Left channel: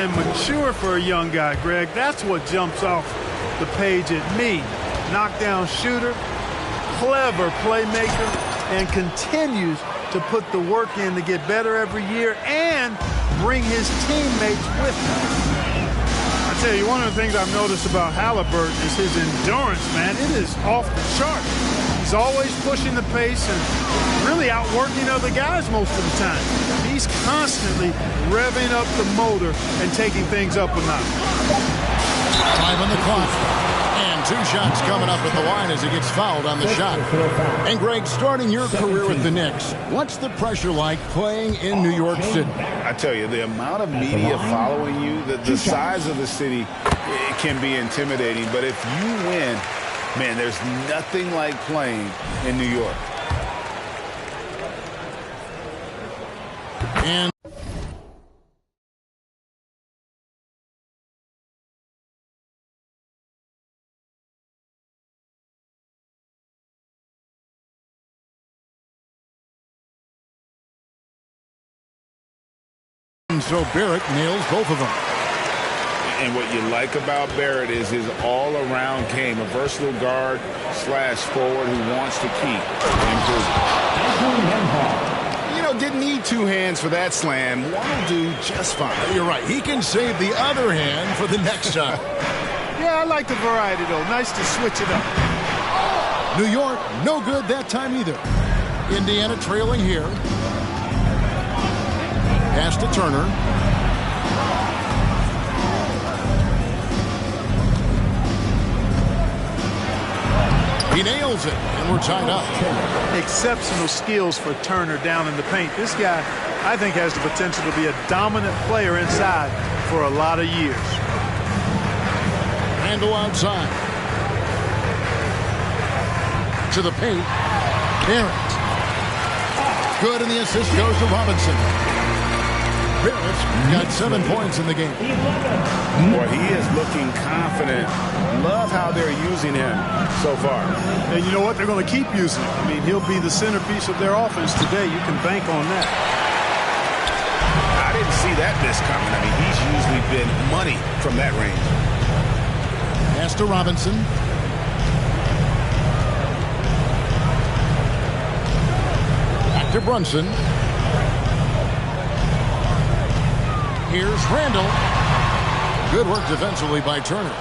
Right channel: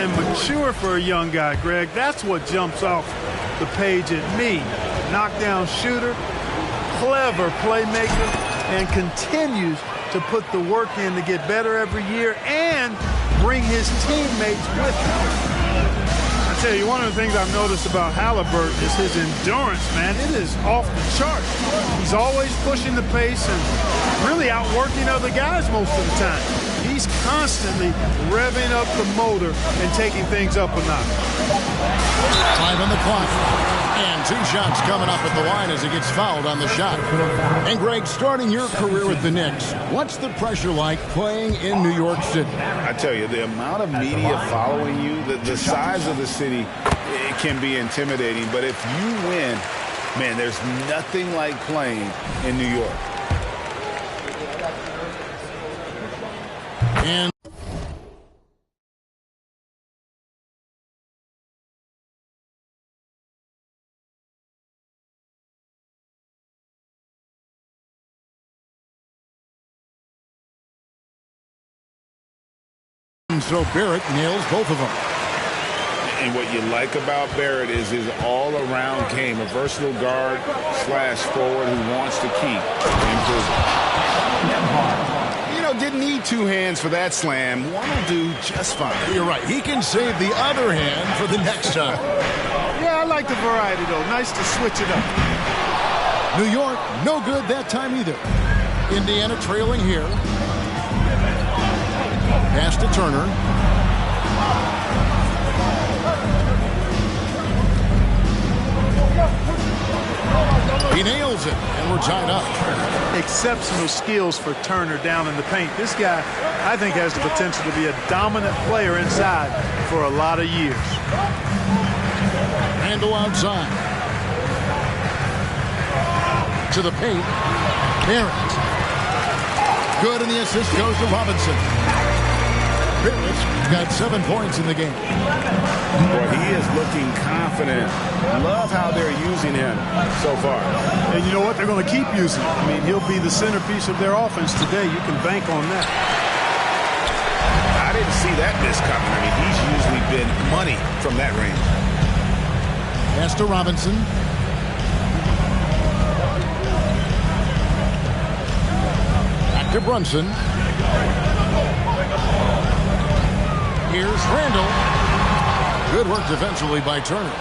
and mature for a young guy, Greg. That's what jumps off the page at me. Knockdown shooter, clever playmaker, and continues to put the work in to get better every year and bring his teammates with him. I tell you, one of the things I've noticed about Halliburton is his endurance, man. It is off the chart. He's always pushing the pace and really outworking other guys most of the time. He's constantly revving up the motor and taking things up a notch. 5 on the clock. And 2 shots coming up at the line as he gets fouled on the shot. And Greg, starting your career with the Knicks, what's the pressure like playing in New York City? I tell you, the amount of media following you, the size of the city, it can be intimidating. But if you win, man, there's nothing like playing in New York. And so Barrett nails both of them. And what you like about Barrett is his all-around game, a versatile guard / forward who wants to keep improving. You know, didn't need 2 hands for that slam. One will do just fine. You're right. He can save the other hand for the next time. Yeah, I like the variety, though. Nice to switch it up. New York, no good that time either. Indiana trailing here. Pass to Turner. He nails it, and we're tied up. Exceptional skills for Turner down in the paint. This guy, I think, has the potential to be a dominant player inside for a lot of years. Randle outside. To the paint. Barrett. Good, and the assist goes to Robinson. Barrett's got 7 points in the game. Boy, he is looking confident. Love how they're using him so far. And you know what? They're going to keep using him. I mean, he'll be the centerpiece of their offense today. You can bank on that. I didn't see that miss coming. I mean, he's usually been money from that range. Pass to Robinson. Back to Brunson. Here's Randle. Good work defensively by Turner.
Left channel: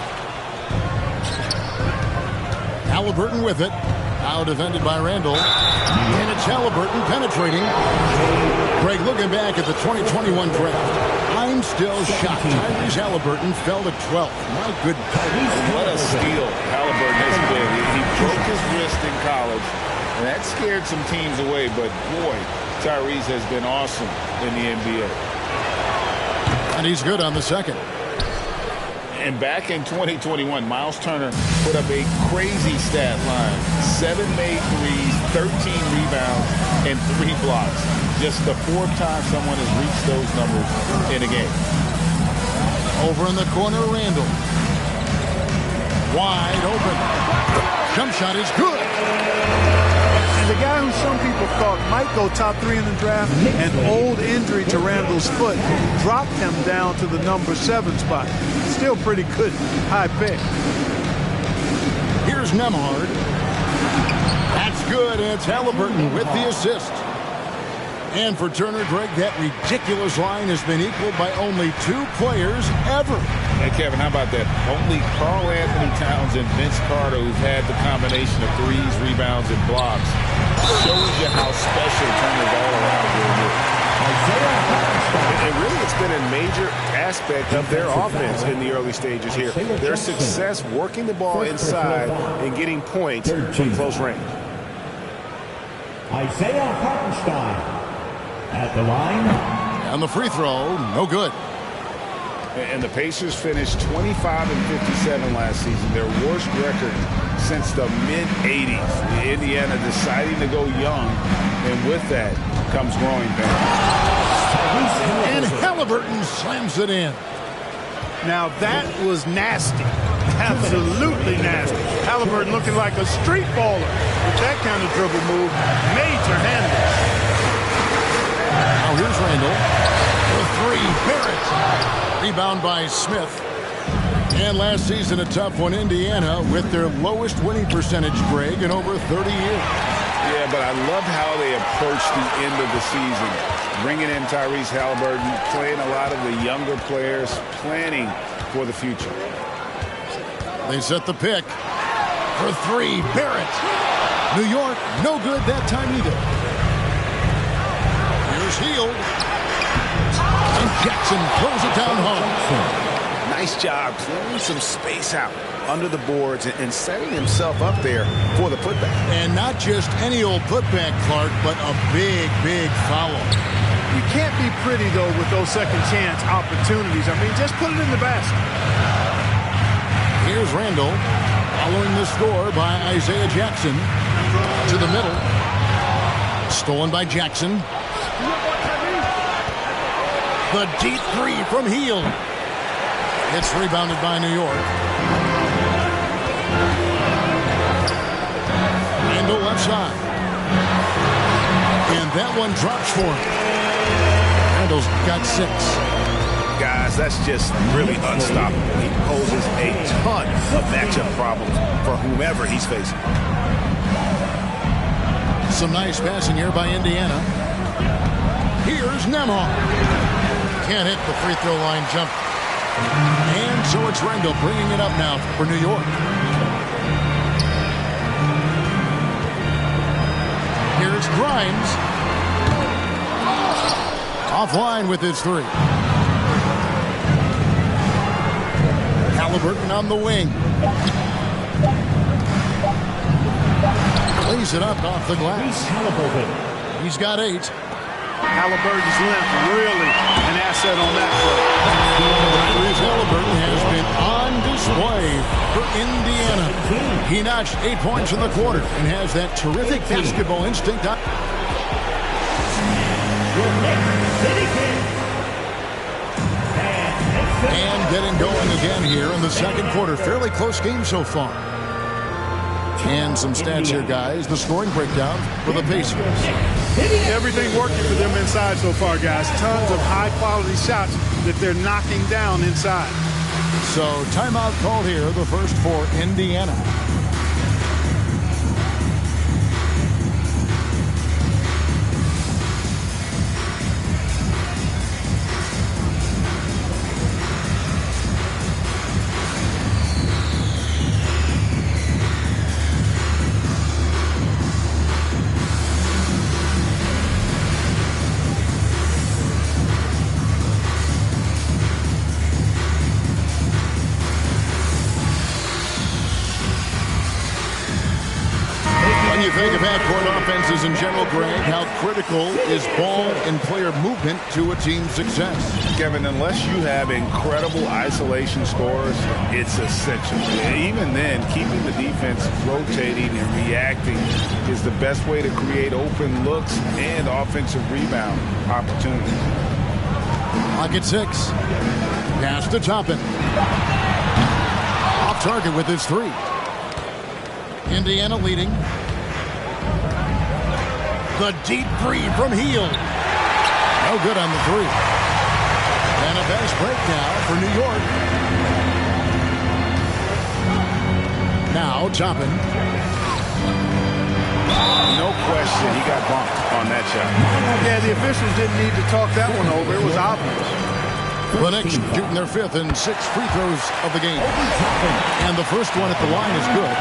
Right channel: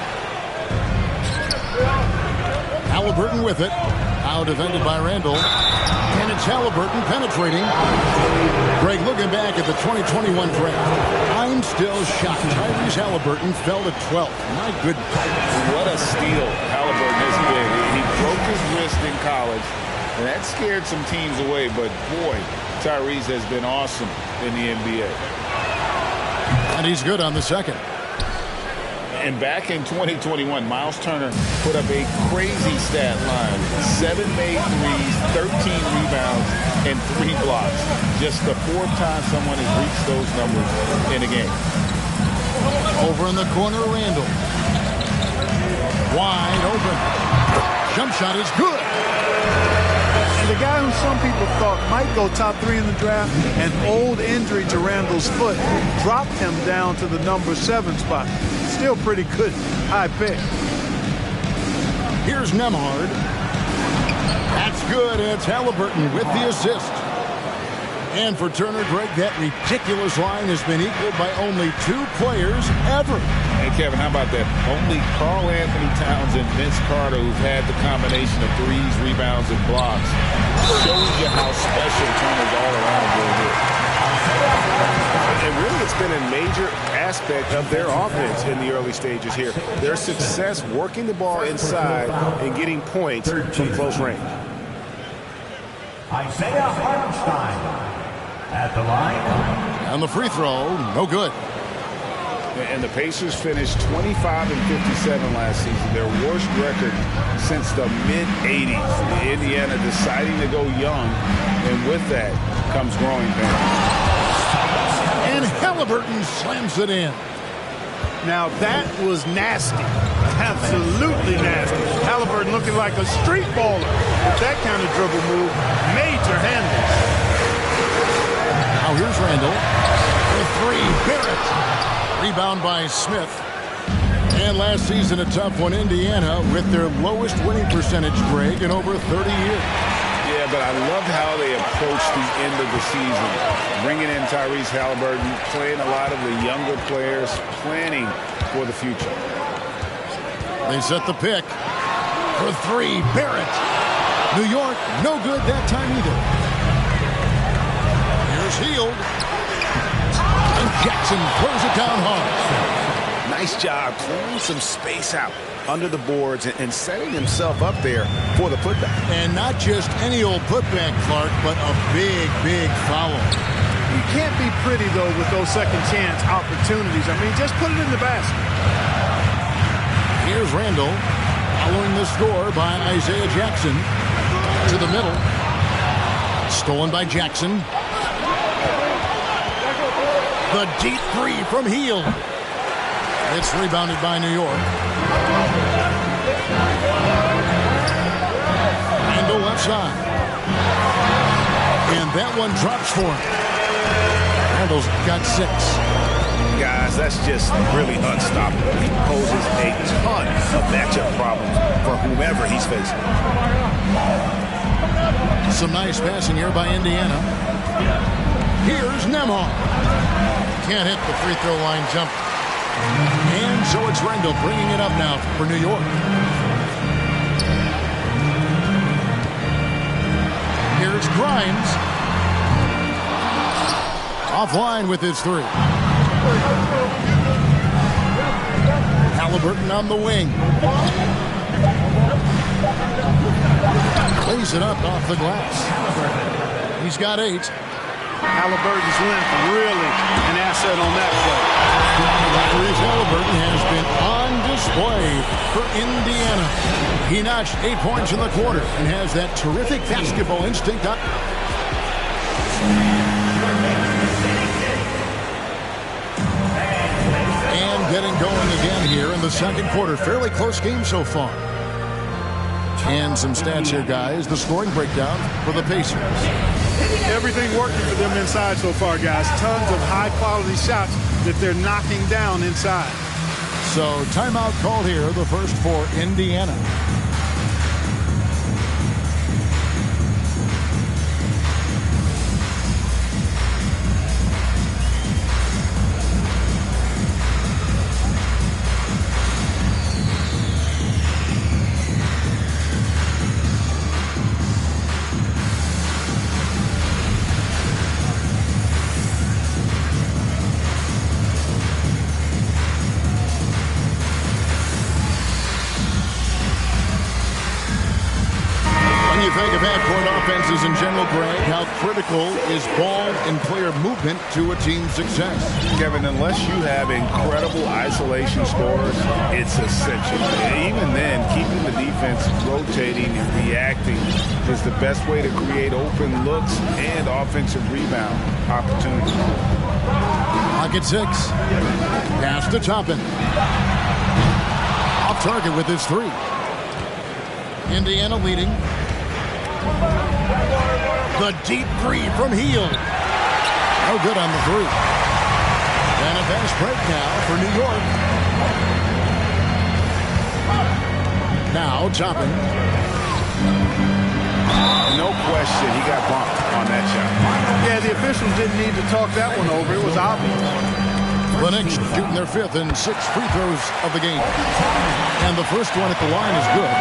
Halliburton with it. Now defended by Randle. And it's Halliburton penetrating. Greg, looking back at the 2021 draft, I'm still shocked. Tyrese Halliburton fell to 12th. My goodness. What a steal Halliburton has been. He broke his wrist in college, and that scared some teams away. But, boy, Tyrese has been awesome in the NBA. And he's good on the second. And back in 2021, Miles Turner put up a crazy stat line. 7 made threes, 13 rebounds, and 3 blocks. Just the 4th time someone has reached those numbers in a game. Over in the corner, Randle. Wide open. Jump shot is good. And the guy who some people thought might go top 3 in the draft, an old injury to Randle's foot, dropped him down to the number 7 spot. Still pretty good high pick. Here's Nembhard. That's good, and it's Halliburton with the assist. And for Turner, Greg, that ridiculous line has been equaled by only 2 players ever. Hey, Kevin, how about that? Only Karl Anthony Towns and Vince Carter who've had the combination of threes, rebounds, and blocks. Shows you how special Turner's all-around game is. And really, it's been a major aspect of their offense in the early stages here. Their success working the ball inside and getting points from close range. Isaiah Hartenstein at the line. And the free throw, no good. And the Pacers finished 25-57 last season, their worst record since the mid-'80s. Indiana deciding to go young, and with that comes growing pains. And Halliburton slams it in. Now that was nasty. Absolutely nasty. Halliburton looking like a street baller with that kind of dribble move. Major handles. Now here's Randle for 3. Barrett. Rebound by Smith. And last season, a tough one, Indiana, with their lowest winning percentage, Greg, in over 30 years. Yeah, but I loved how they approached the end of the season. Bringing in Tyrese Halliburton, playing a lot of the younger players, planning for the future. They set the pick for three. Barrett. New York, no good that time either. Here's Hield. And Jackson throws it down hard. Nice job clearing some space out under the boards and setting himself up there for the putback. And not just any old putback, Clark, but a big, big foul. You can't be pretty, though, with those second chance opportunities. I mean, just put it in the basket. Here's Randall following the score by Isaiah Jackson to the middle. Stolen by Jackson. The deep three from Hield. It's rebounded by New York. Randall left side. And that one drops for him. Randall's got 6. Guys, that's just really unstoppable. He poses a ton of matchup problems for whomever he's facing. Some nice passing here by Indiana. Here's Nembhard. Can't hit the free throw line jump. And so it's Randall bringing it up now for New York. Here's Grimes. Offline with his 3. Halliburton on the wing. Lays it up off the glass. He's got 8. Halliburton's length really an asset on that play. Tyrese Halliburton has been on display for Indiana. He notched 8 points in the quarter and has that terrific basketball instinct. And getting going again here in the second quarter. Fairly close game so far. And some stats here, guys. The scoring breakdown for the Pacers. Everything working for them inside so far, guys. Tons of high-quality shots that they're knocking down inside. So timeout called here, the first for Indiana. When you think of half-court offenses in general, Greg, how critical is ball and player movement to a team's success? Kevin, unless you have incredible isolation scorers, it's essential. Even then, keeping the defense rotating and reacting is the best way to create open looks and offensive rebound opportunities. Clock at 6. Pass to Toppin. Off target with his 3. Indiana leading. The deep 3 from Hield. No good on the 3. And a fast break now for New York. Now Toppin. No question, he got bumped on that shot. Yeah, the officials didn't need to talk that one over. It was obvious. The Knicks shooting their 5th and 6th free throws of the game. And the first one at the line is good.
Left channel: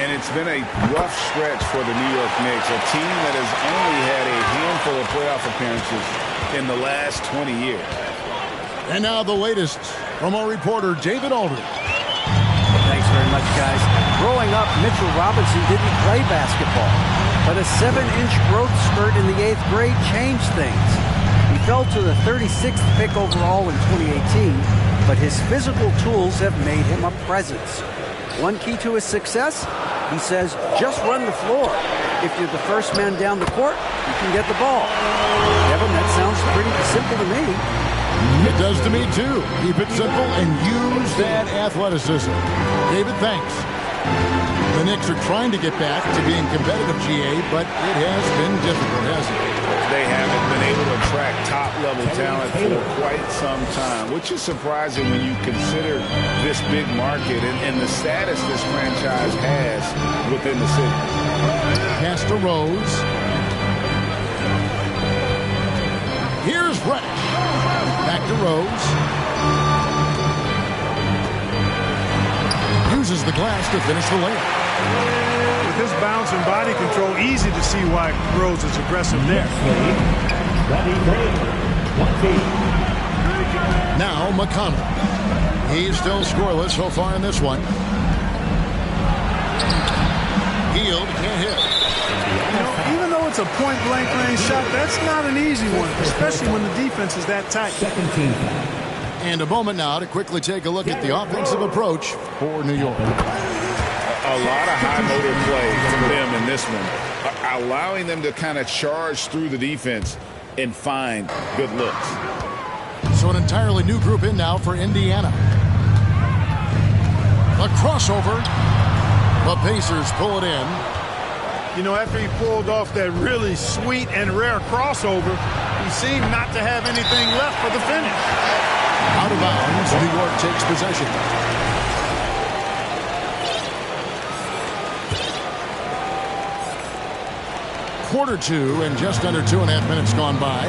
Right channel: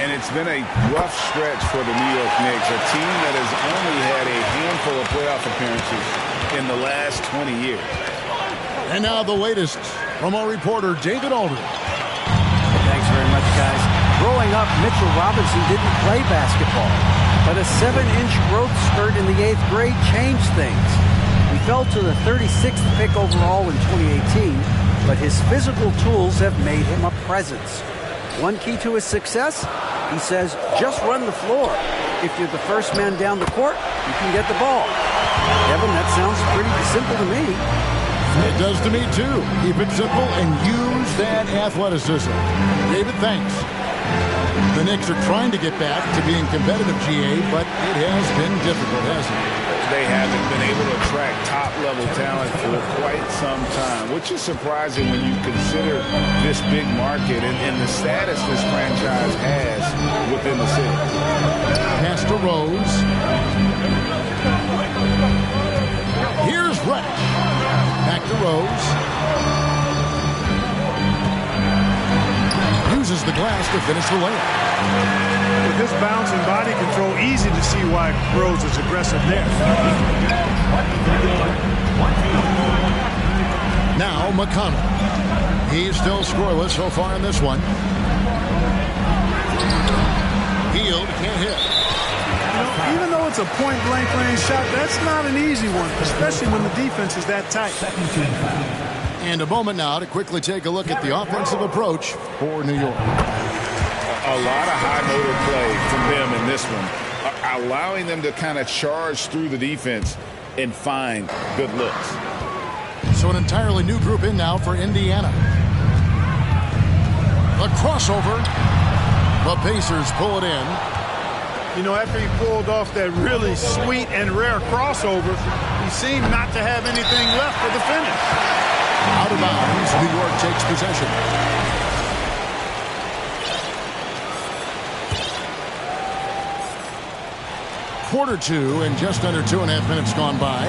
And it's been a rough stretch for the New York Knicks, a team that has only had a handful of playoff appearances in the last 20 years. And now the latest from our reporter, David Aldridge. Thanks very much, guys. Growing up, Mitchell Robinson didn't play basketball, but a 7-inch growth spurt in the 8th grade changed things. He fell to the 36th pick overall in 2018, but his physical tools have made him a presence. One key to his success, he says, just run the floor. If you're the first man down the court, you can get the ball. Kevin, that sounds pretty simple to me. It does to me, too. Keep it simple and use that athleticism. David, thanks. The Knicks are trying to get back to being competitive, GA, but it has been difficult, hasn't it? they haven't been able to attract top-level talent for quite some time, which is surprising when you consider this big market and the status this franchise has within the city. Pass to Rose. Here's Reddish. Back to Rose. Uses the glass to finish the layup. With his bounce and body control, easy to see why Rose is aggressive there. Now McConnell. He's still scoreless so far in this one. Hield can't hit. You know, even though it's a point-blank range shot, that's not an easy one, especially when the defense is that tight. And a moment now to quickly take a look at the offensive approach for New York. A lot of high motor play from them in this one, allowing them to kind of charge through the defense and find good looks. So an entirely new group in now for Indiana. A crossover. The Pacers pull it in. You know, after he pulled off that really sweet and rare crossover, he seemed not to have anything left for the finish. Out of bounds, New York takes possession. Quarter two and just under 2.5 minutes gone by.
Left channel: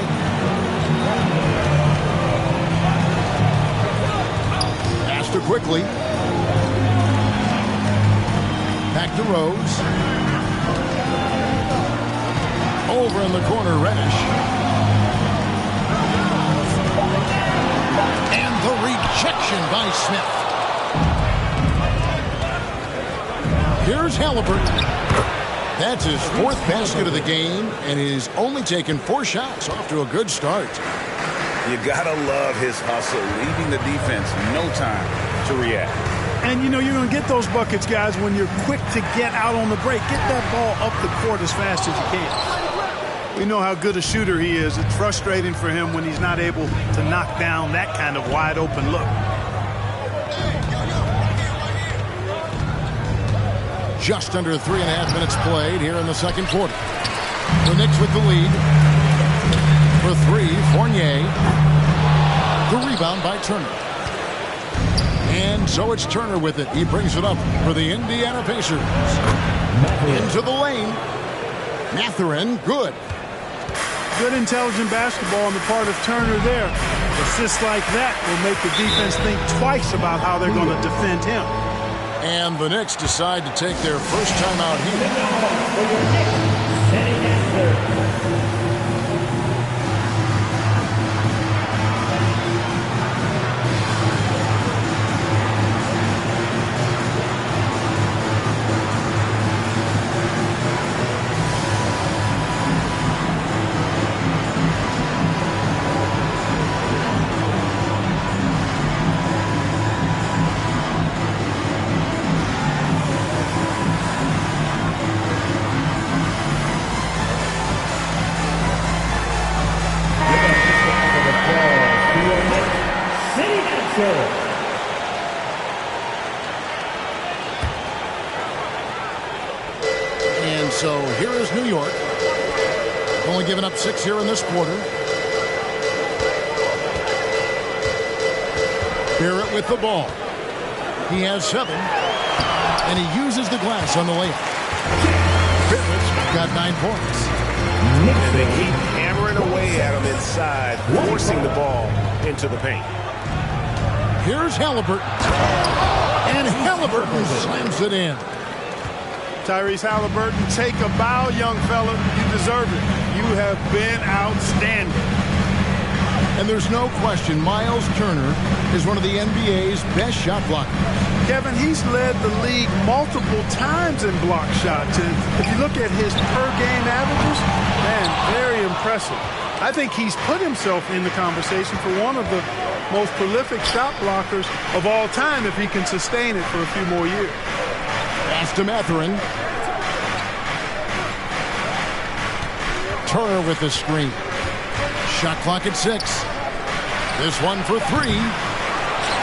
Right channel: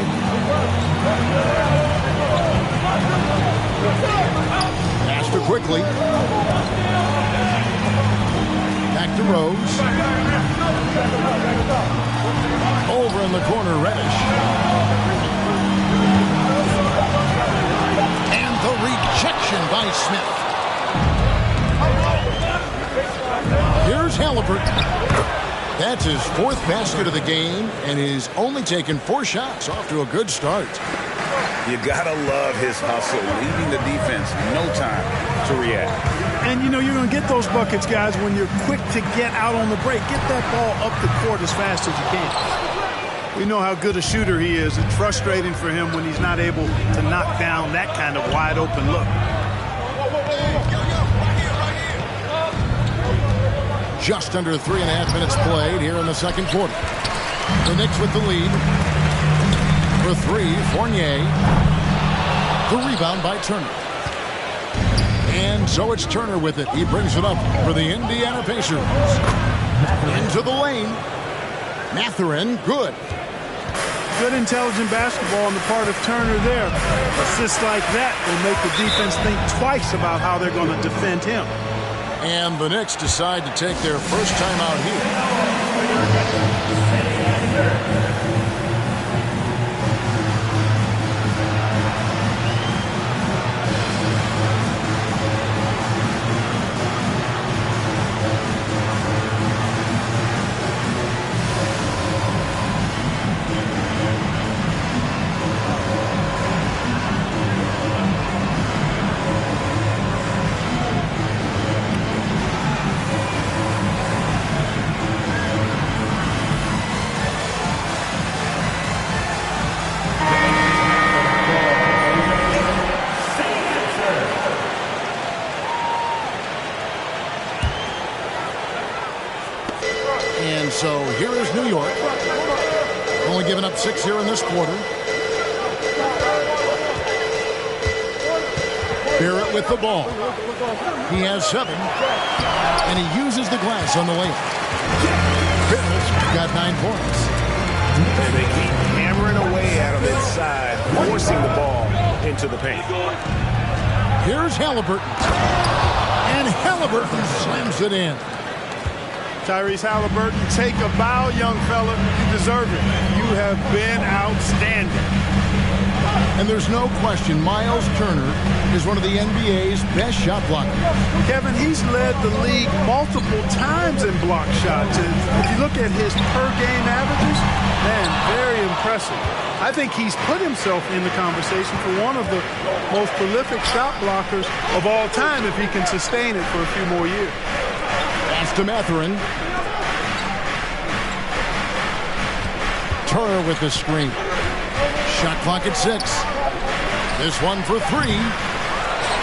Pass to quickly. Back to Rose. Over in the corner, Reddish. And the rejection by Smith. Here's Halliburton. That's his fourth basket of the game, and he's only taken 4 shots. Off to a good start. You gotta love his hustle, leaving the defense no time to react. And, you know, you're going to get those buckets, guys, when you're quick to get out on the break. Get that ball up the court as fast as you can. We know how good a shooter he is. It's frustrating for him when he's not able to knock down that kind of wide-open look. Just under 3.5 minutes played here in the second quarter. The Knicks with the lead. For 3, Fournier. The rebound by Turner. And so it's Turner with it. He brings it up for the Indiana Pacers. Into the lane. Mathurin, good. Good intelligent basketball on the part of Turner there. Assists like that will make the defense think twice about how they're going to defend him. And the Knicks decide to take their first time out here. And so here is New York. Only giving up 6 here in this quarter. Barrett with the ball. He has 7. And he uses the glass on the layup. Barrett's got 9 points. And they keep hammering away at him inside, forcing the ball into the paint. Here's Halliburton. And Halliburton slams it in. Tyrese Halliburton, take a bow, young fella. You deserve it. You have been outstanding. And there's no question Miles Turner is one of the NBA's best shot blockers. Kevin, he's led the league multiple times in block shots. And if you look at his per-game averages, man, very impressive. I think he's put himself in the conversation for one of the most prolific shot blockers of all time if he can sustain it for a few more years. Pass to Mathurin. Turner with the screen. Shot clock at 6. This one for 3.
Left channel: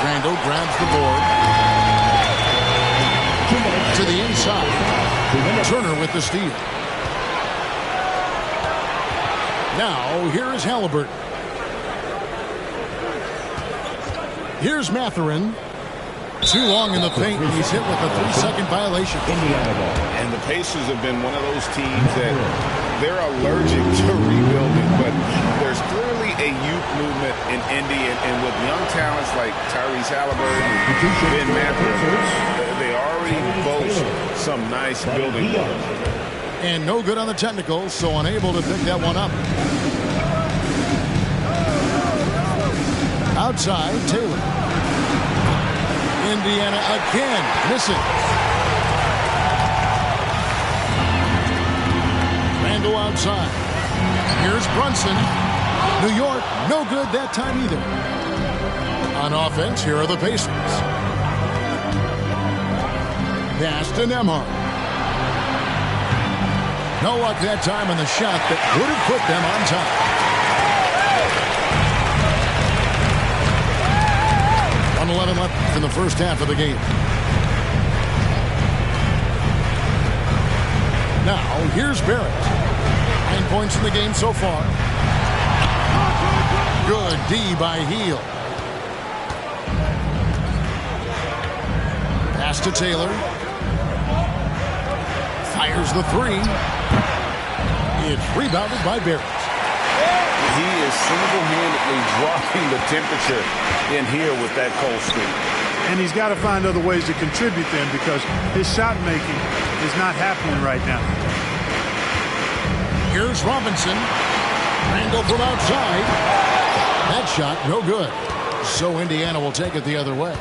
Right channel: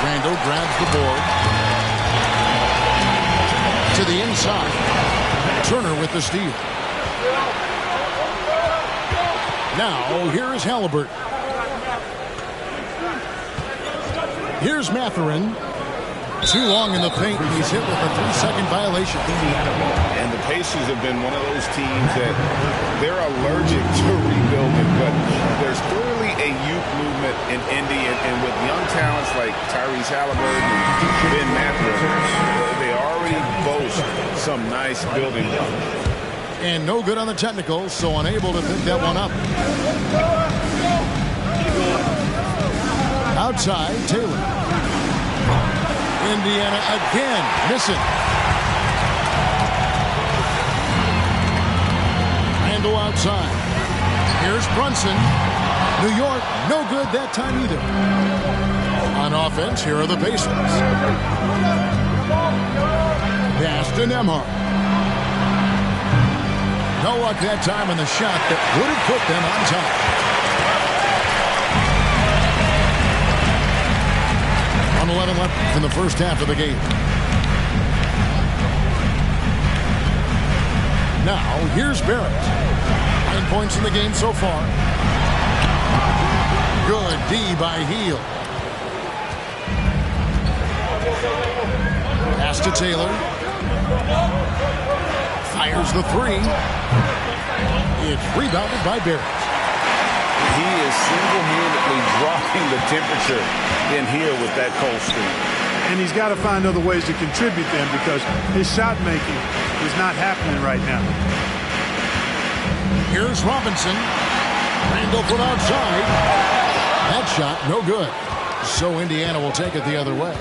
Randall grabs the board. To the inside. Turner with the steal. Now, here is Halliburton. Here's Mathurin. Too long in the paint, and he's hit with a 3-second violation. And the Pacers have been one of those teams that they're allergic to rebuilding, but there's clearly a youth movement in Indy, and with young talents like Tyrese Halliburton and Ben Mathurin, they already boast some nice building blocks. And no good on the technicals, so unable to pick that one up. Outside, Taylor. Indiana again missing. Randall outside. Here's Brunson. New York, no good that time either. On offense, here are the Pacers. Pass to Nembhard. No luck that time on the shot that would have put them on top. .11 left in the first half of the game. Now, here's Barrett. 9 points in the game so far. Good D by Hield. Pass to Taylor. Fires the three. It's rebounded by Barrett. He is single-handedly dropping the temperature in here with that cold streak. And he's got to find other ways to contribute then, because his shot making is not happening right now. Here's Robinson. Randall from outside. That shot, no good. So Indiana will take it the other way.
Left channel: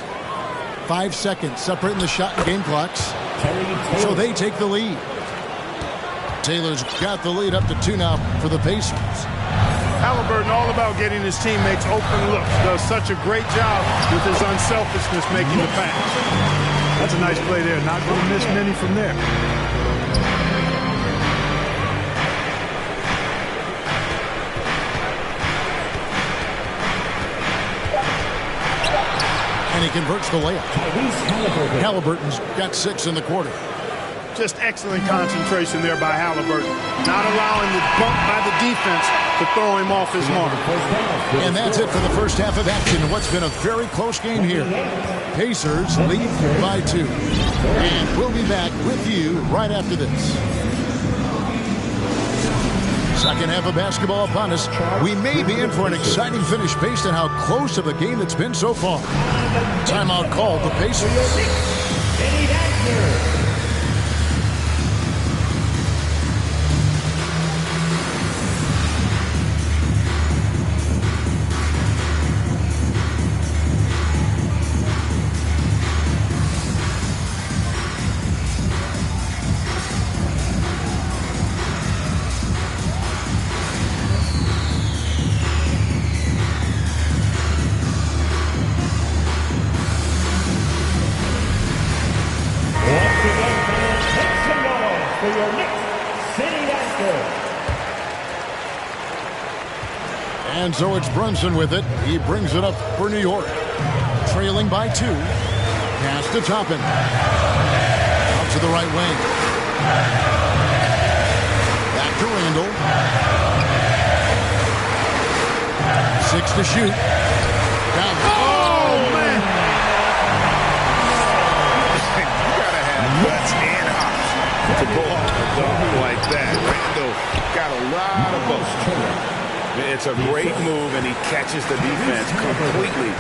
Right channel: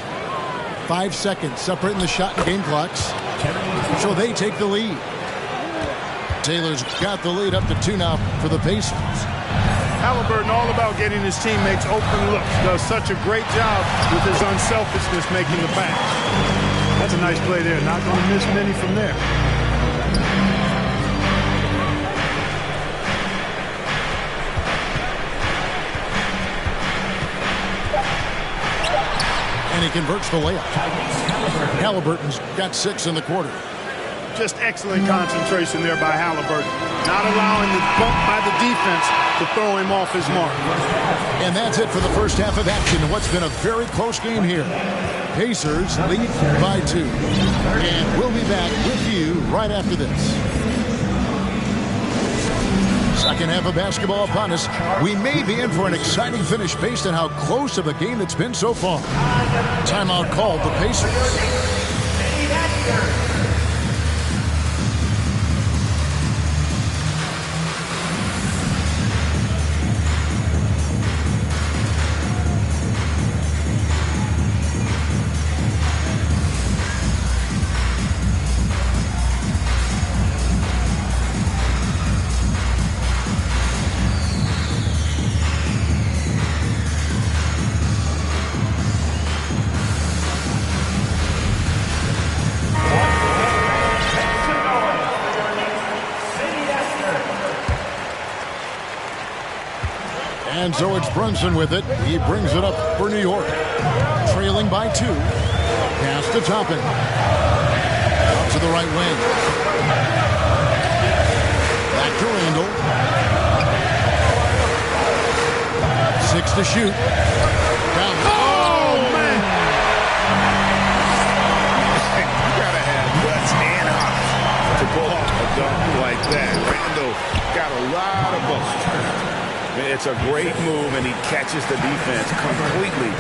5 seconds separating the shot and game clocks. So they take the lead. Taylor's got the lead up to 2 now for the Pacers. Halliburton all about getting his teammates open looks. Does such a great job with his unselfishness making the pass. That's a nice play there. Not going to miss many from there. And he converts the layup. Halliburton's got 6 in the quarter. Just excellent concentration there by Halliburton. Not allowing the bump by the defense to throw him off his mark. And that's it for the first half of action in what's been a very close game here. Pacers lead by 2. And we'll be back with you right after this. Second half of basketball upon us. We may be in for an exciting finish based on how close of a game it's been so far. Timeout called the Pacers. And so it's Brunson with it. He brings it up for New York. Trailing by 2. Pass to Toppin. Out to the right wing. Back to Randall. 6 to shoot. Down. Oh, man. You got to have guts and hops to pull off a dunk like that. Randall got a lot of both. It's a great move, and he catches the defense completely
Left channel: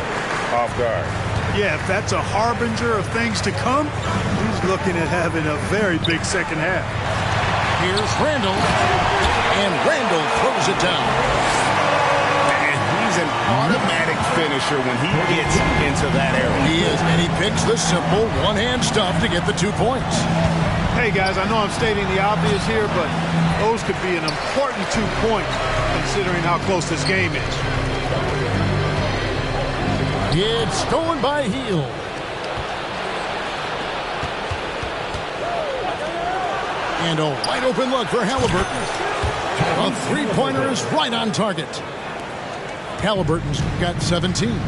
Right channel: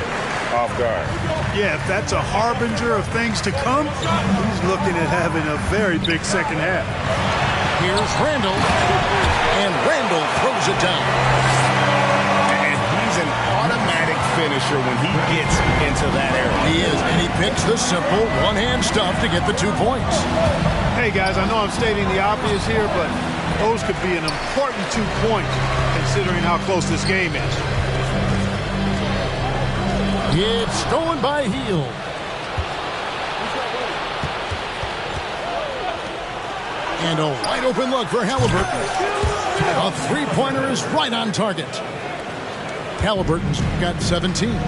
off guard. Yeah, if that's a harbinger of things to come, he's looking at having a very big second half. Here's Randall, and Randall throws it down. And he's an automatic finisher when he gets into that area. He is, and he picks the simple one-hand stuff to get the 2 points. Hey, guys, I know I'm stating the obvious here, but those could be an important 2 points considering how close this game is. It's stolen by Hield. And a wide open look for Halliburton. A 3-pointer is right on target. Halliburton's got 17.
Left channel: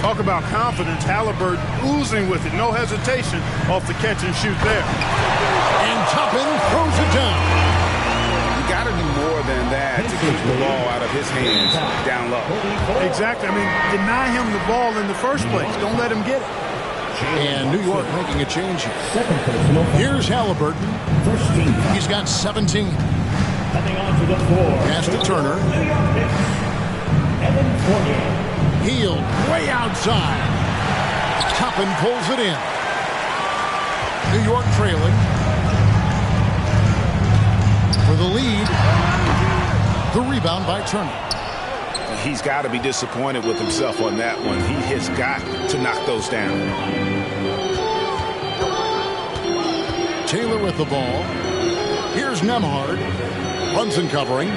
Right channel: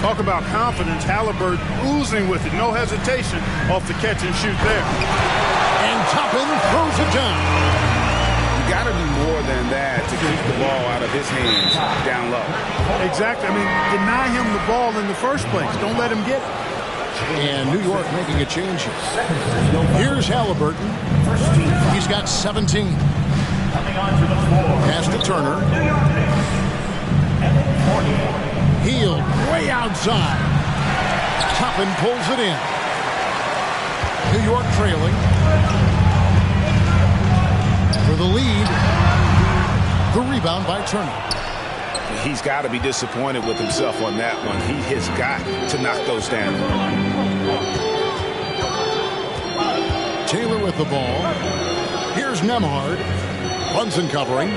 Talk about confidence. Halliburton oozing with it. No hesitation off the catch and shoot there. And Toppin throws it down. you got to do more than that to keep the ball out of his hands down low. Exactly. I mean, deny him the ball in the first place. Don't let him get it. And New York making a change here. Here's Halliburton. He's got 17. Coming onto the floor. Pass to Turner. New York Knicks, Evan Fournier. Healed way outside. Toppin pulls it in. New York trailing. For the lead. The rebound by Turner. He's got to be disappointed with himself on that one. He has got to knock those down. Taylor with the ball. Here's Nembhard. Brunson covering.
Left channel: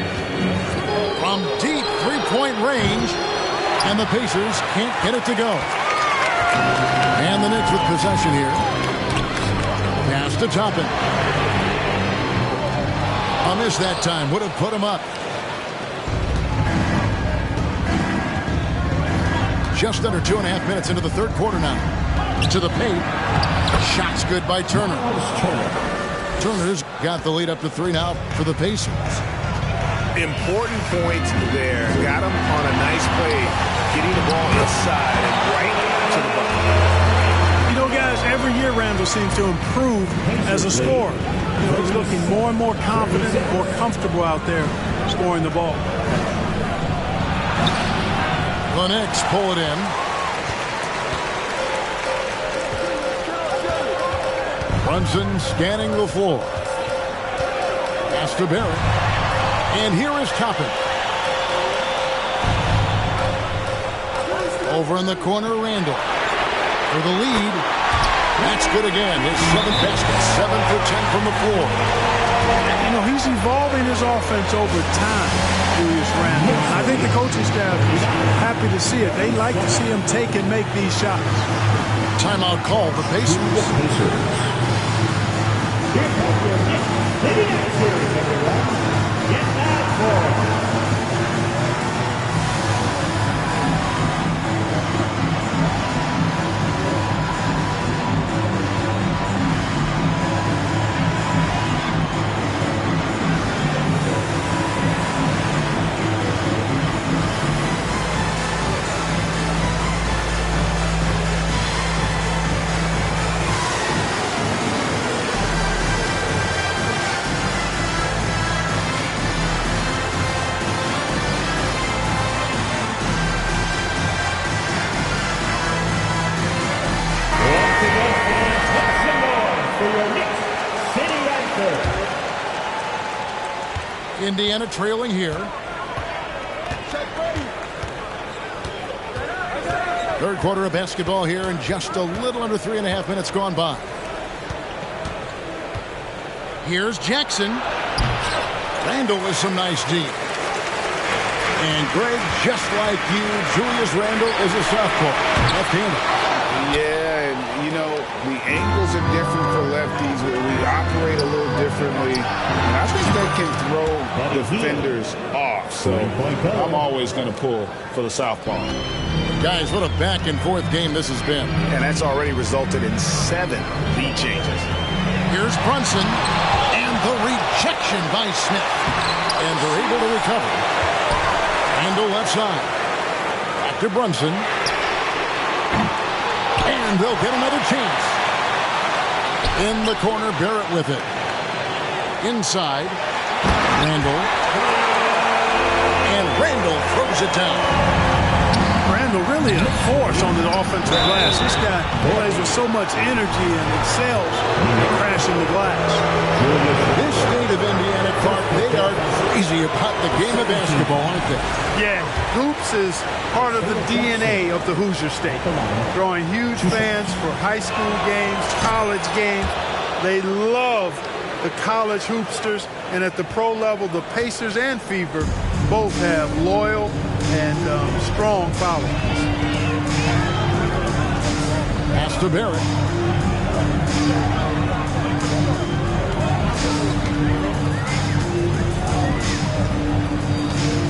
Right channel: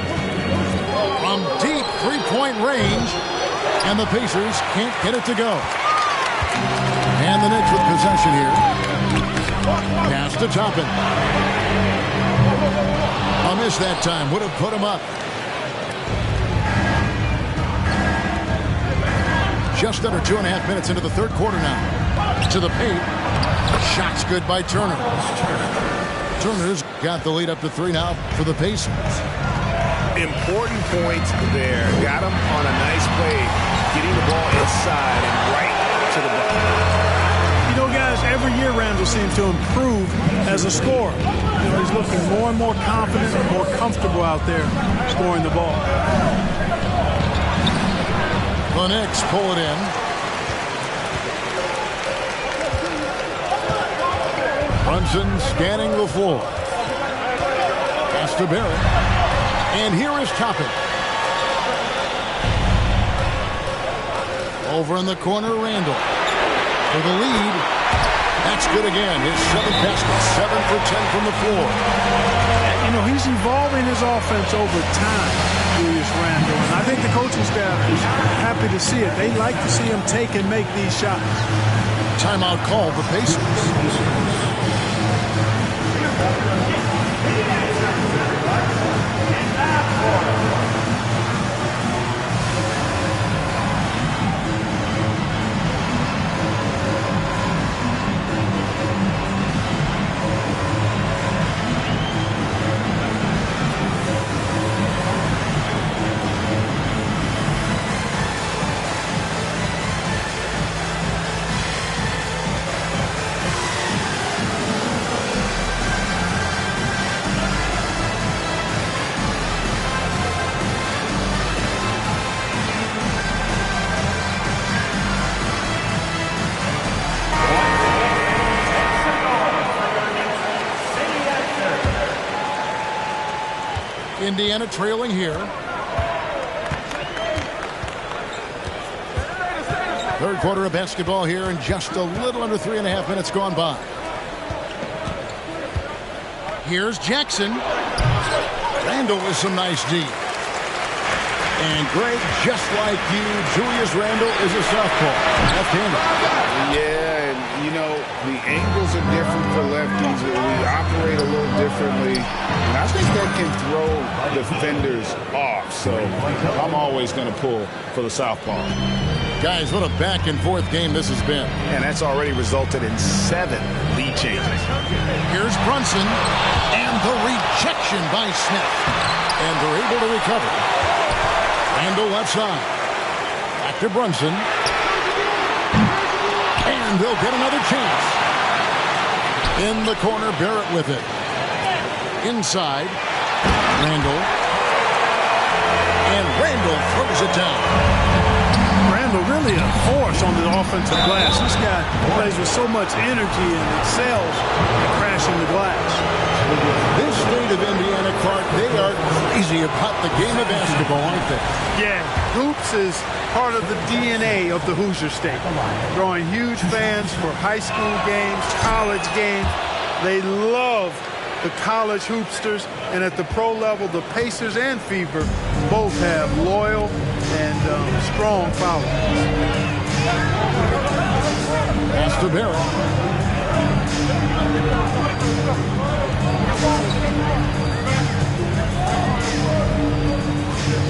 From deep three-point range. And the Pacers can't get it to go. And the Knicks with possession here. Pass to Toppin. A miss that time. Would have put him up. Just under 2.5 minutes into the third quarter now. To the paint. Shots good by Turner. Turner's got the lead up to 3 now for the Pacers. Important points there. Got him on a nice play, getting the ball inside and right to the bucket. You know, guys, every year Randall seems to improve as a scorer. You know, he's looking more and more confident, more comfortable out there scoring the ball. The Knicks pull it in. Brunson scanning the floor. Pass to Barrett. And here is Toppin. Over in the corner, Randall. For the lead. That's good again. His 7th basket. 7 for 10 from the floor. You know, he's evolving his offense over time, Julius Randle. And I think the coaching staff is happy to see it. They like to see him take and make these shots. Timeout called the Pacers. Indiana trailing here. Third quarter of basketball here, and just a little under 3.5 minutes gone by. Here's Jackson. Randall with some nice D. And Greg, just like you, Julius Randall is a southpaw, left-handed. Yeah, and you know, the angles are different for lefties. We operate a little differently. And I think that can throw defenders off. So I'm always going to pull for the southpaw. Guys, what a back-and-forth game this has been. And that's already resulted in 7 lead changes. Here's Brunson. And the rejection by Smith. And they're able to recover. Randall left side. Back to Brunson. And they'll get another chance. In the corner, Barrett with it. Inside, Randall. And Randall throws it down. Randall really a force on the offensive glass. This guy plays with so much energy and excels at crashing the glass. This state of Indiana, Clark, they are crazy about the game of basketball, aren't they? Yeah, hoops is part of the DNA of the Hoosier State. Drawing huge fans for high school games, college games. They love the college hoopsters, and at the pro level, the Pacers and Fever both have loyal and strong followings. Pass to Barrett.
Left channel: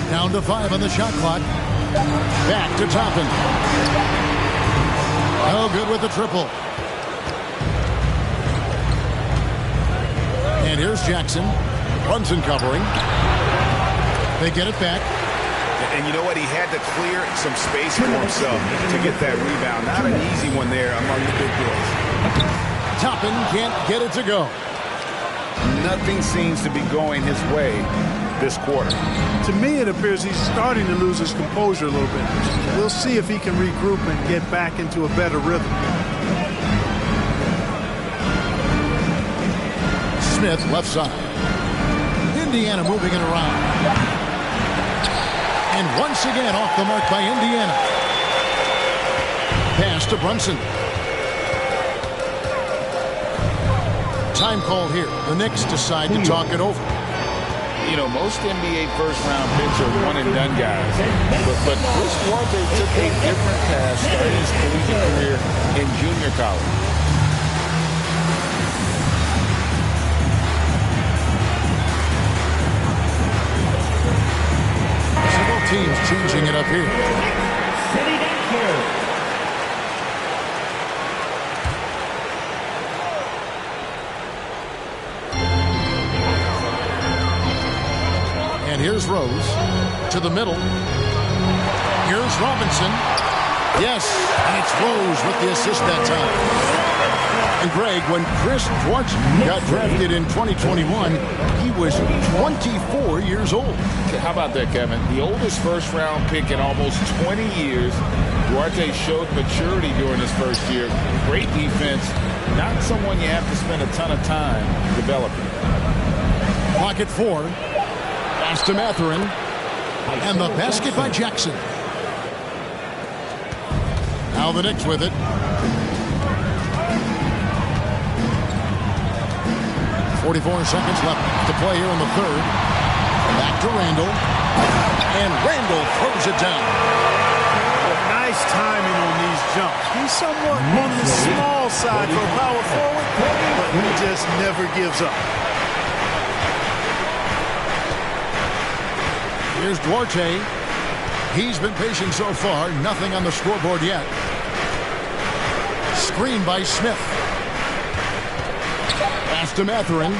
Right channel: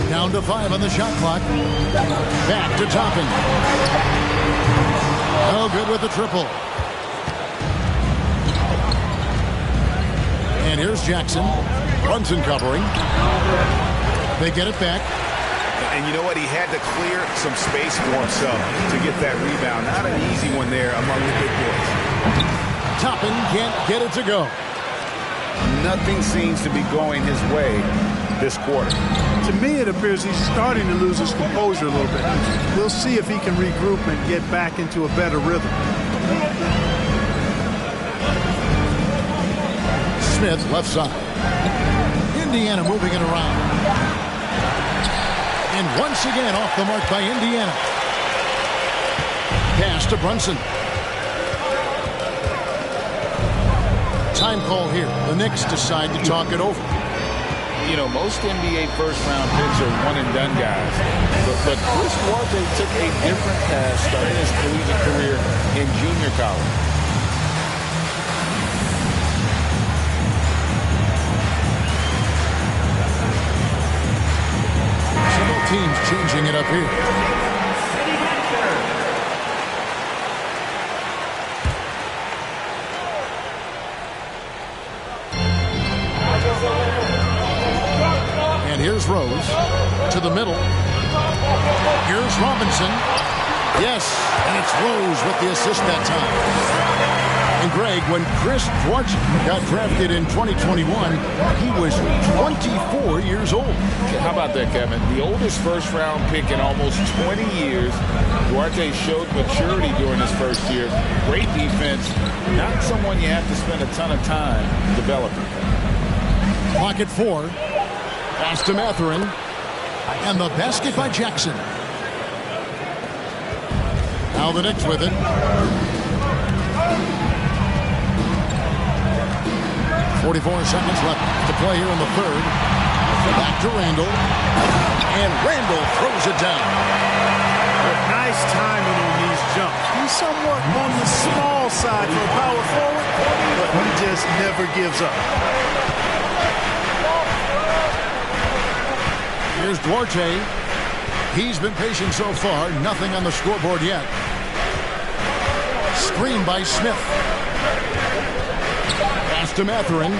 Down to 5 on the shot clock. Back to Toppin. No good with the triple. And here's Jackson. Brunson covering. They get it back. And you know what? He had to clear some space for himself to get that rebound. Not an easy one there among the big boys. Toppin can't get it to go. Nothing seems to be going his way this quarter. To me, it appears he's starting to lose his composure a little bit. We'll see if he can regroup and get back into a better rhythm. Smith, left side. Indiana moving it around. And once again off the mark by Indiana. Pass to Brunson. Time call here. The Knicks decide to talk it over. You know, most NBA first-round picks are one-and-done guys. But Chris Duarte took a different path starting his collegiate career in junior college. Several teams changing it up here. And here's Rose to the middle. Here's Robinson. Yes, and it's Rose with the assist that time. And Greg, when Chris Duarte got drafted in 2021, he was 24 years old. How about that, Kevin? The oldest first-round pick in almost 20 years. Duarte showed maturity during his first year. Great defense. Not someone you have to spend a ton of time developing. Clock at 4. Pass to Mathurin. And the basket by Jackson. Now the Knicks with it. .44 seconds left to play here in the third. Back to Randall. And Randall throws it down. Nice timing on these jumps. He's somewhat on the small side for a power forward, but he just never gives up. Here's Duarte. He's been patient so far. Nothing on the scoreboard yet. Screen by Smith. Pass to Mathurin.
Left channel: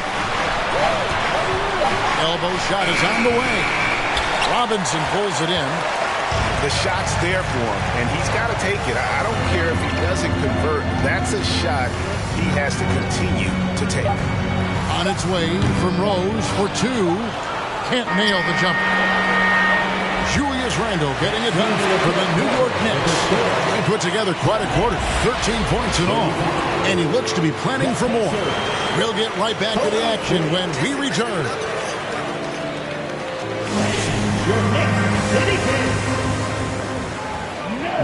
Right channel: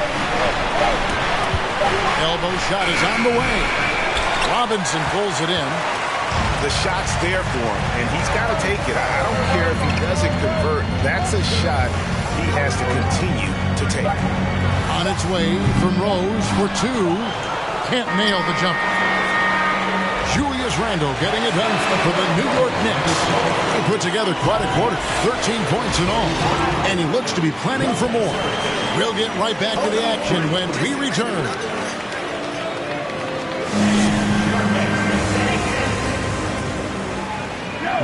Elbow shot is on the way. Robinson pulls it in. The shot's there for him, and he's got to take it. I don't care if he doesn't convert. That's a shot he has to continue to take. On its way from Rose for 2. Can't nail the jumper. Julius Randle getting it done for the New York Knicks. He put together quite a quarter, 13 points in all, and he looks to be planning for more. We'll get right back to the action when we return.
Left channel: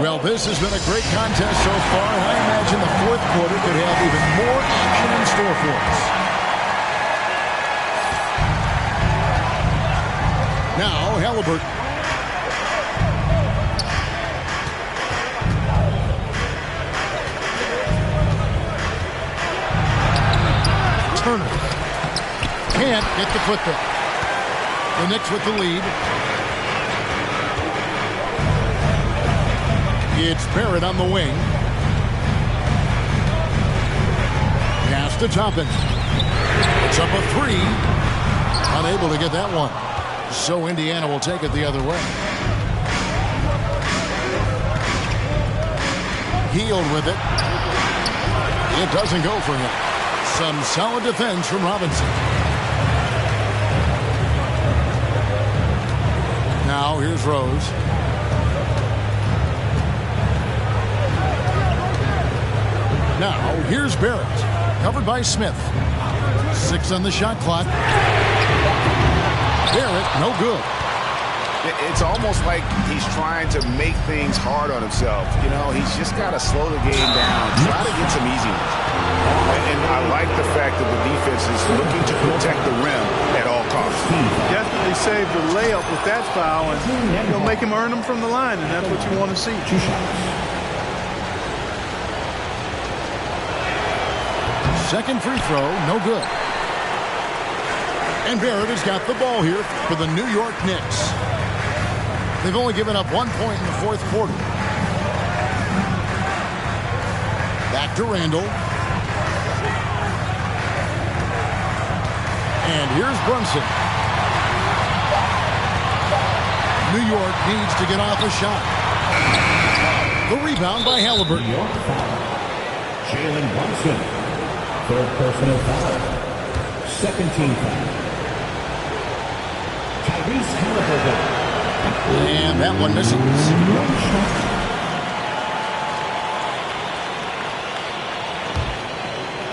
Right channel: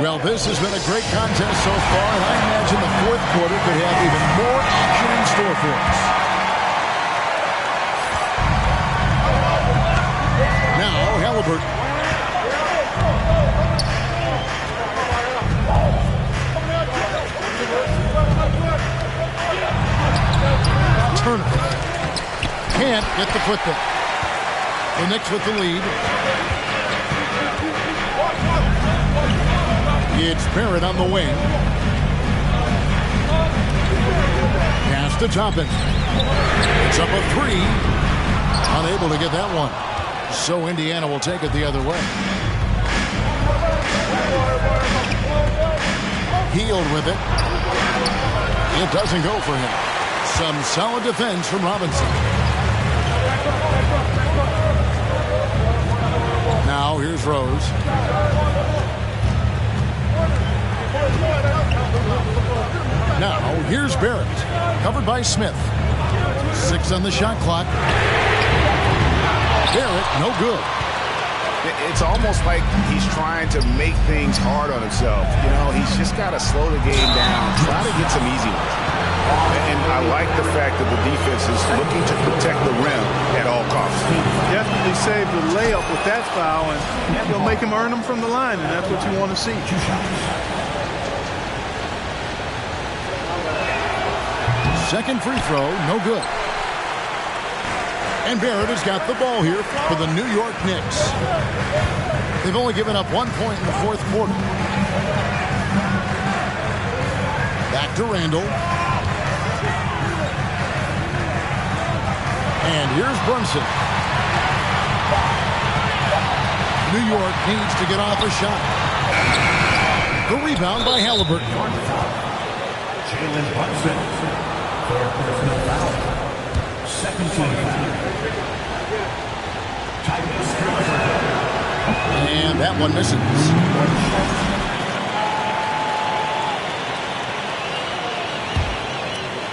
Well, this has been a great contest so far, and I imagine the fourth quarter could have even more action in store for us. Now, Halliburton. Turner can't get the putback. The Knicks with the lead. It's Barrett on the wing. Pass to Toppin. It's up a 3. Unable to get that one. So Indiana will take it the other way. Healed with it. It doesn't go for him. Some solid defense from Robinson. Now here's Rose. Now here's Barrett. Covered by Smith. 6 on the shot clock. Barrett, no good. It's almost like he's trying to make things hard on himself. You know, he's just got to slow the game down, try to get some easy ones. And I like the fact that the defense is looking to protect the rim at all costs. Definitely saved the layup with that foul, and you'll make him earn them from the line, and that's what you want to see. 2 shots. Second free throw, no good. And Barrett has got the ball here for the New York Knicks. They've only given up 1 point in the fourth quarter. Back to Randall. And here's Brunson. New York needs to get off a shot. The rebound by Halliburton. Jalen Brunson, third personal foul. Second team foul. Tyrese Halliburton. And that one misses.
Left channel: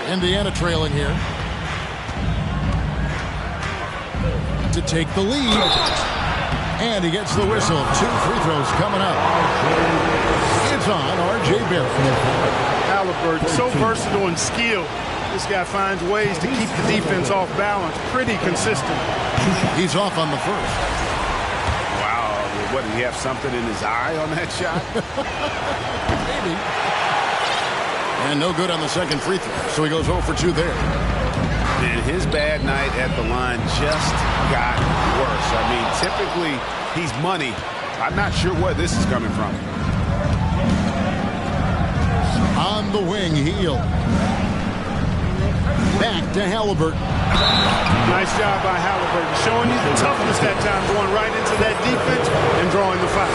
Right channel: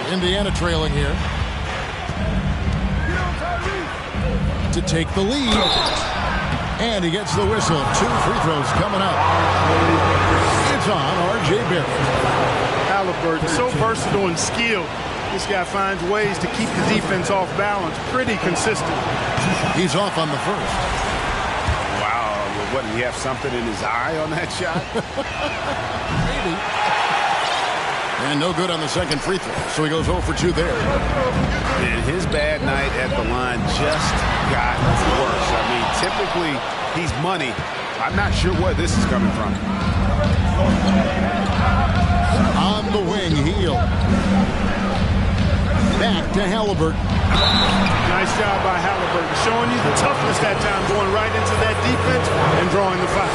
Indiana trailing here. To take the lead. And he gets the whistle. 2 free throws coming up. It's on R.J. Barrett. Halliburton, so versatile and skilled. This guy finds ways to keep the defense off balance. Pretty consistent. He's off on the first. Wow. What, did he have something in his eye on that shot? Maybe. And no good on the second free throw. So he goes 0 for 2 there. And his bad night at the line just got worse. I mean, typically he's money. I'm not sure where this is coming from. On the wing, Hield. Back to Halliburton. Nice job by Halliburton, showing you the toughness that time, going right into that defense and drawing the foul.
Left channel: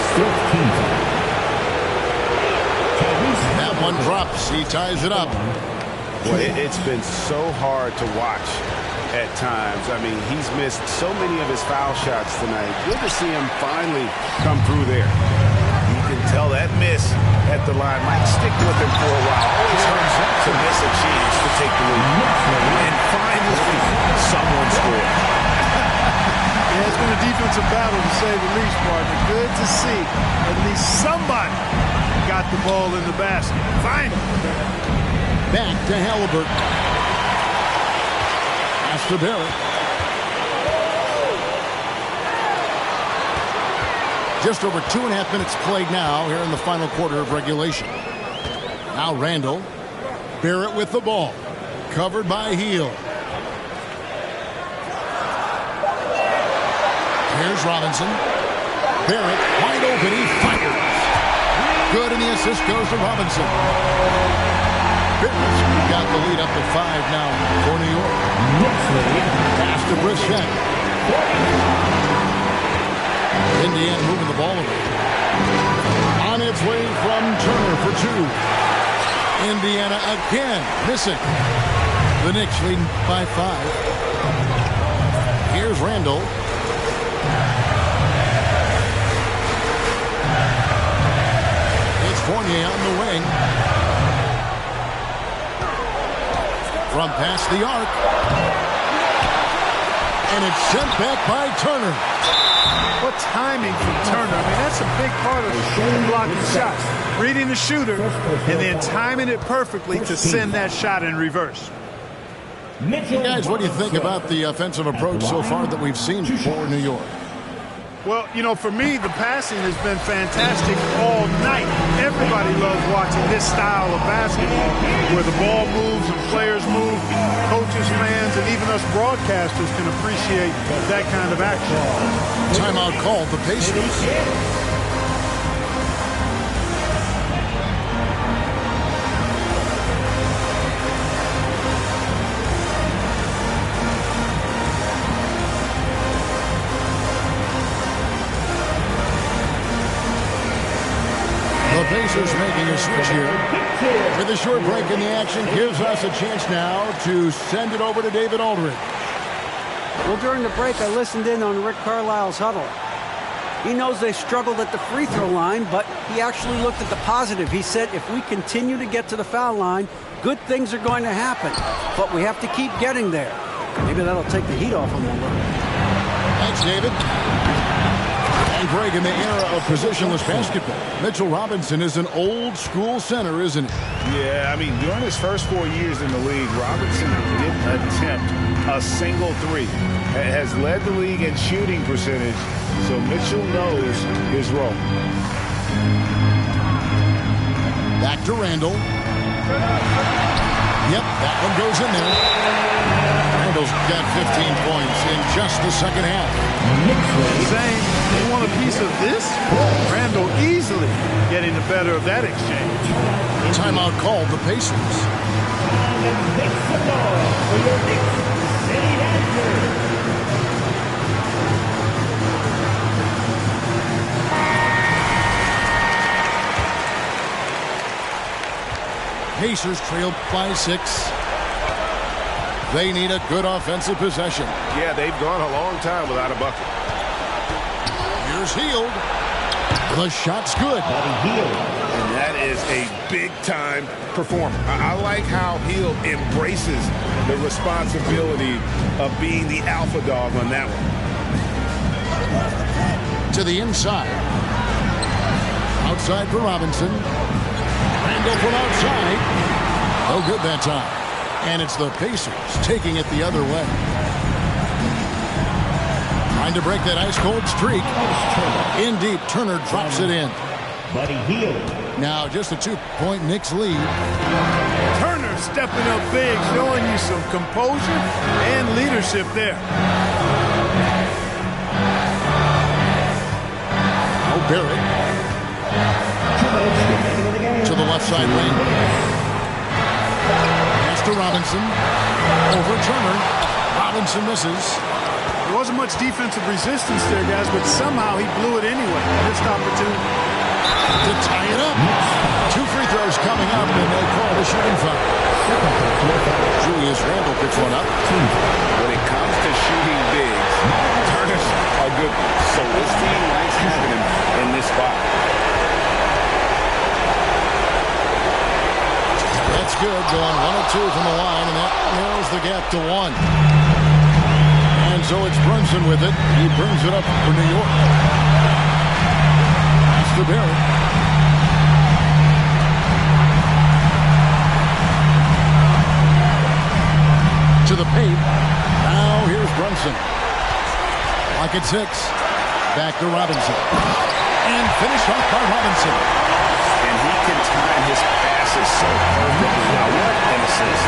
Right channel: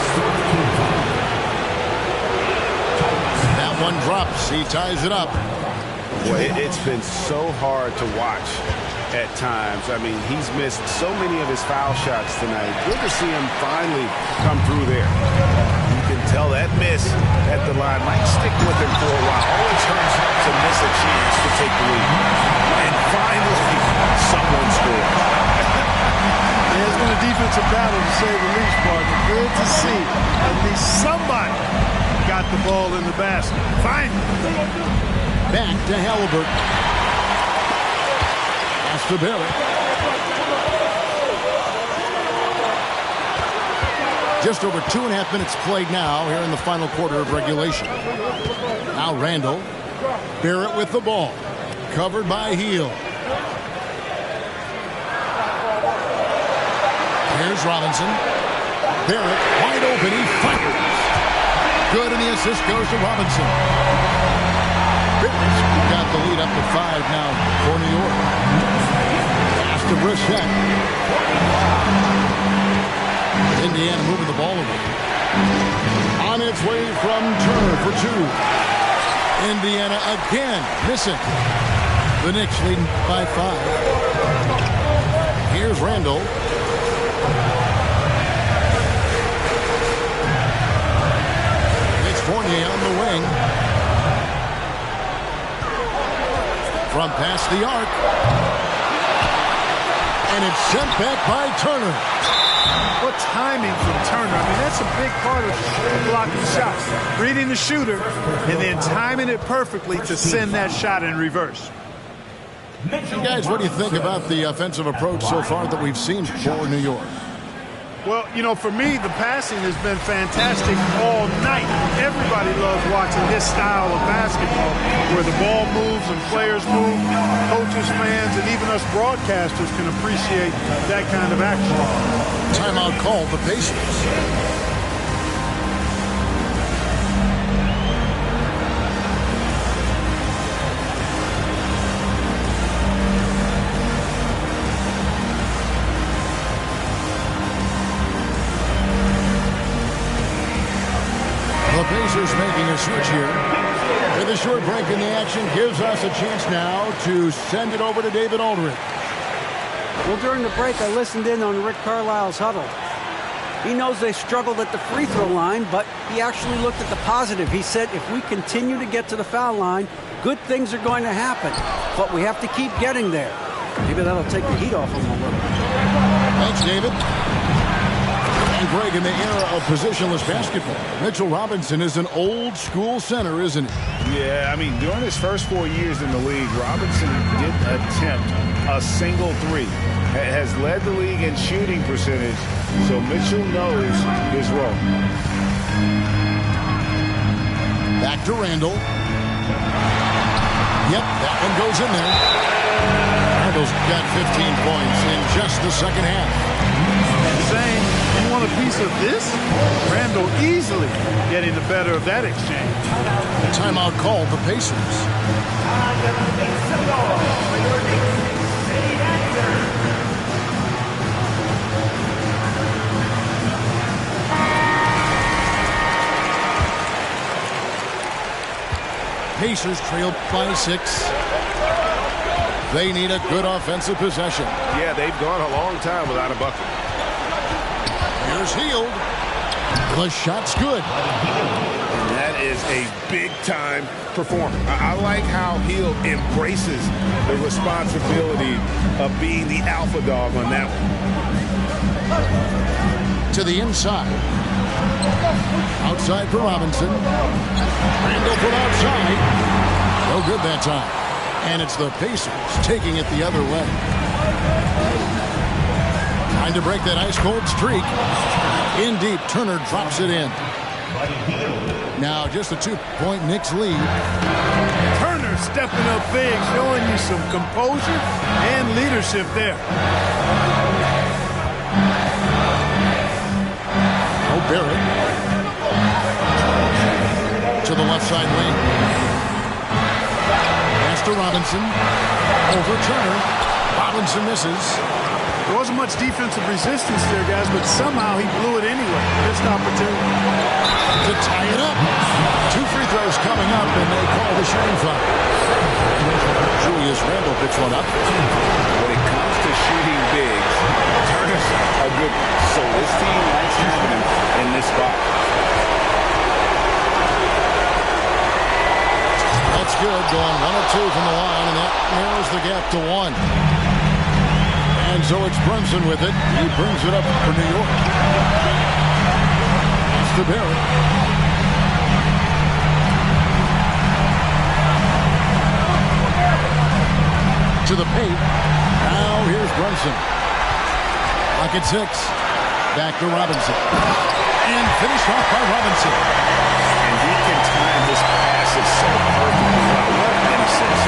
That one drops. He ties it up. Boy, it's been so hard to watch at times. I mean, he's missed so many of his foul shots tonight. Good to see him finally come through there. You can tell that miss at the line might stick with him for a while. Always hurts to miss a chance to take the lead. And finally, someone scores. Yeah, it's been a defensive battle to say the least, partner. Good to see at least somebody got the ball in the basket. Finally. Back to Halliburton. Pass to Barrett. Just over 2.5 minutes played now here in the final quarter of regulation. Now Randall. Barrett with the ball. Covered by Hield. Here's Robinson. Barrett wide open. He fires. Good, and the assist goes to Robinson. Barrett's got the lead up to 5 now for New York. Pass to Brissett. Indiana moving the ball away. On its way from Turner for 2. Indiana again missing. The Knicks leading by 5. Here's Randall. It's Fournier on the wing. From past the arc. And it's sent back by Turner. What timing from Turner. I mean, that's a big part of blocking shots. Reading the shooter and then timing it perfectly to send that shot in reverse. Hey guys, what do you think about the offensive approach so far that we've seen for New York? Well, you know, for me, the passing has been fantastic all night. Everybody loves watching this style of basketball where the ball moves and players move. Coaches, fans, and even us broadcasters can appreciate that kind of action. Timeout called the Pacers. The Pacers making a switch here. With a short break in the action, gives us a chance now to send it over to David Aldridge. Well, during the break, I listened in on Rick Carlisle's huddle. He knows they struggled at the free throw line, but he actually looked at the positive. He said, if we continue to get to the foul line, good things are going to happen. But we have to keep getting there. Maybe that'll take the heat off him a little. Thanks, David. And Greg, in the era of positionless basketball, Mitchell Robinson is an old-school center, isn't he? Yeah, I mean, during his first 4 years in the league, Robinson didn't attempt a single three. Has led the league in shooting percentage, so Mitchell knows his role. Back to Randall. Yep, that one goes in there. Randall's got 15 points in just the second half. And saying, you want a piece of this? Randall easily getting the better of that exchange. Timeout called the Pacers. Pacers trail by 6. They need a good offensive possession. Yeah, they've gone a long time without a bucket. Here's Hield. The shot's good. And that is a big-time performer. I like how Hield embraces the responsibility of being the alpha dog on that one. To the inside. Outside for Robinson. Randall from outside. No good that time. And it's the Pacers taking it the other way. Trying to break that ice-cold streak. In deep, Turner drops it in. Now just a 2-point Knicks lead. Turner stepping up big, showing you some composure and leadership there. Oh, Barrett. To the left side lane. Pass to Robinson. Over Turner. Robinson misses. There wasn't much defensive resistance there, guys, but somehow he blew it anyway. Missed opportunity. To tie it up. 2 free throws coming up, and they call the shooting foul. Julius Randle picks one up. When it comes to shooting bigs, Turner's a good one. So this team likes having him in this spot. That's good. Going 1 of 2 from the line, and that narrows the gap to 1. And so it's Brunson with it. He brings it up for New York. Pass to Barrett. To the paint. Now here's Brunson. Clock at 6. Back to Robinson. And finished off by Robinson. And he can time his passes so perfectly. Wow, what an assist.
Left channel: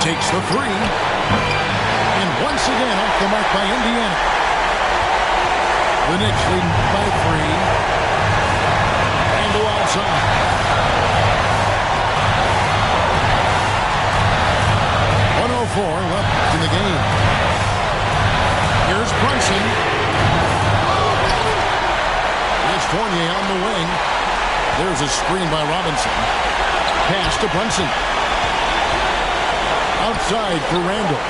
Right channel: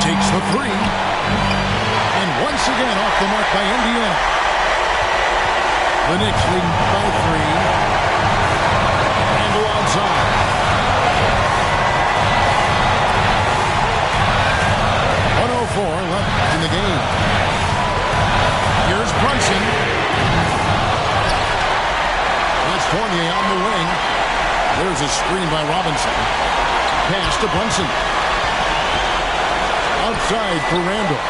Takes the 3. And once again off the mark by Indiana. The Knicks leading by 3. Randle outside. .104 left in the game. Here's Brunson. It's Fournier on the wing. There's a screen by Robinson. Pass to Brunson. Outside for Randall.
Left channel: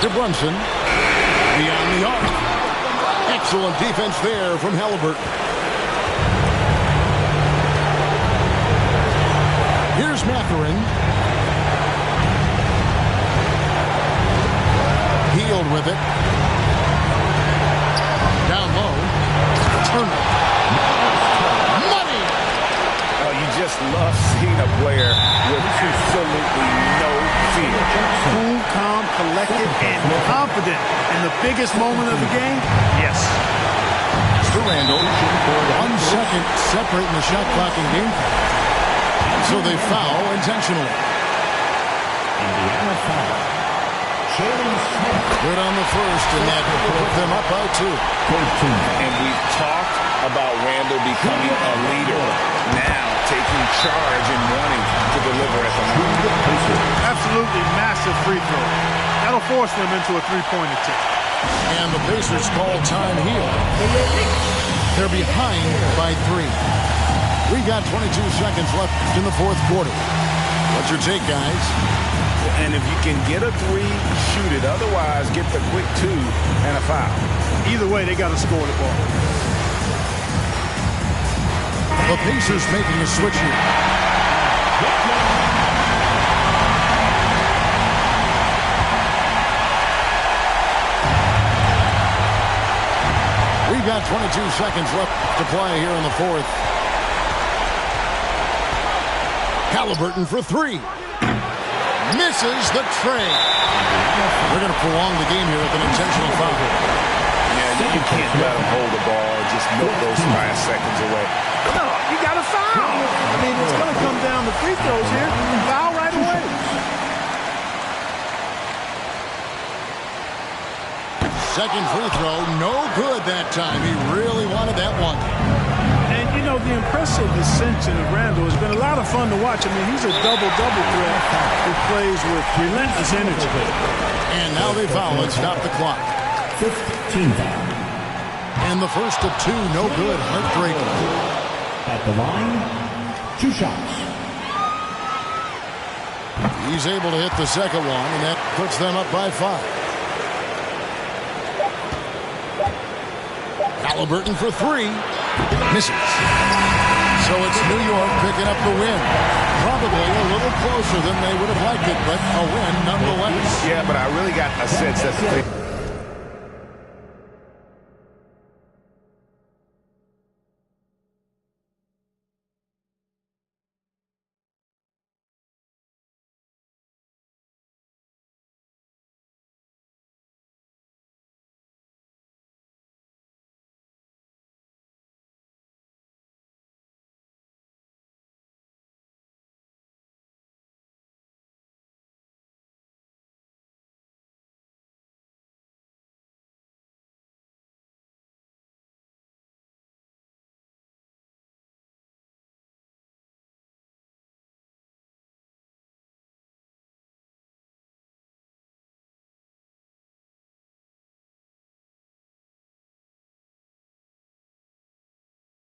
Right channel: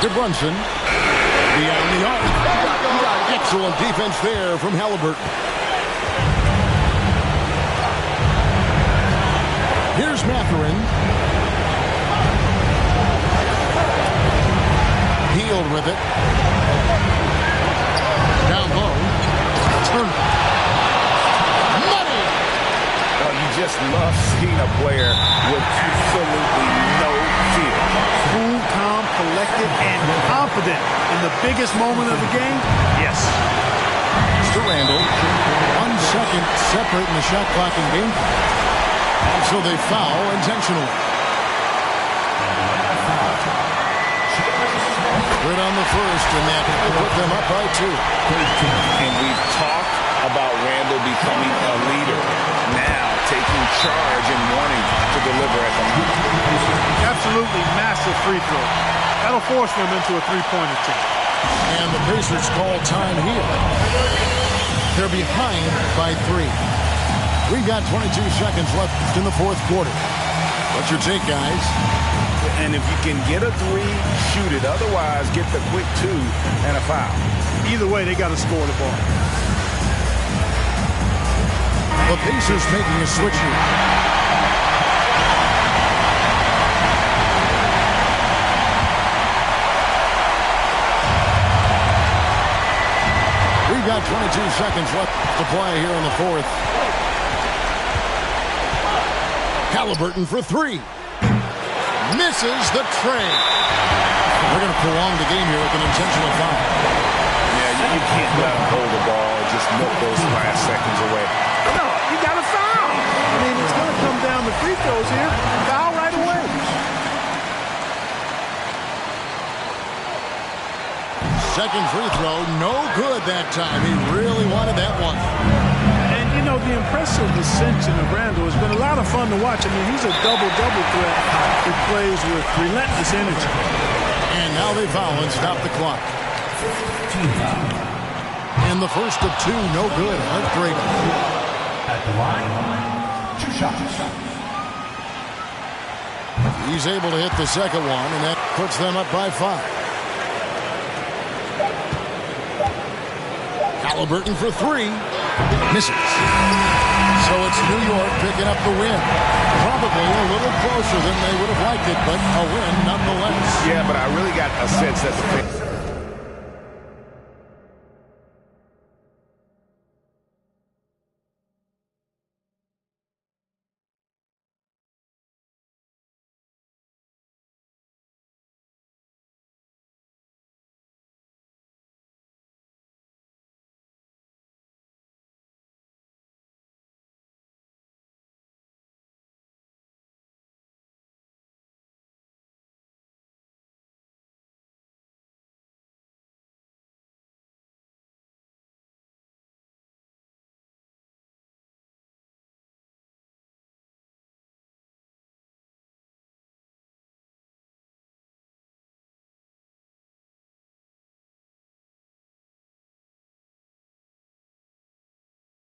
To Brunson. Beyond the arc. Excellent defense there from Halliburton. Here's Mathurin. Hield with it. Down low. Turner. Money! Oh, you just love seeing a player with absolutely no fear. Cool, calm, collected, and confident in the biggest moment of the game? Yes. Mr. Randall. 1 second separating the shot clock and game clock. And so they foul intentionally. Indiana foul. Good on the first, and that will put them up by 2. And we've talked about Randall becoming a leader. Now taking charge and wanting to deliver at the line. Absolutely massive free throw. That'll force them into a three-point attempt. And the Pacers call time here. They're behind by 3. We've got 22 seconds left in the 4th quarter. What's your take, guys? And if you can get a 3, shoot it. Otherwise, get the quick 2 and a foul. Either way, they got to score the ball. The Pacers making a switch here. We've got 22 seconds left to play here in the 4th. Halliburton for 3. Misses the tray. They're going to prolong the game here with an intentional foul. Yeah, you can't let them hold the ball and just milk those last seconds away. No, you got to foul. I mean, it's going to come down to free throws here. Foul right away. Second free throw, no good that time. He really wanted that one. And, you know, the impressive ascension of Randall has been a lot of fun to watch. I mean, he's a double-double threat who plays with relentless energy. And now they foul and stop the clock. 15 foul. And the first of two, no good. Heartbreaker. At the line, 2 shots. He's able to hit the second one, and that puts them up by 5. Halliburton for 3. Misses. So it's New York picking up the win. Probably a little closer than they would have liked it, but a win nonetheless. Yeah, but I really got a sense that the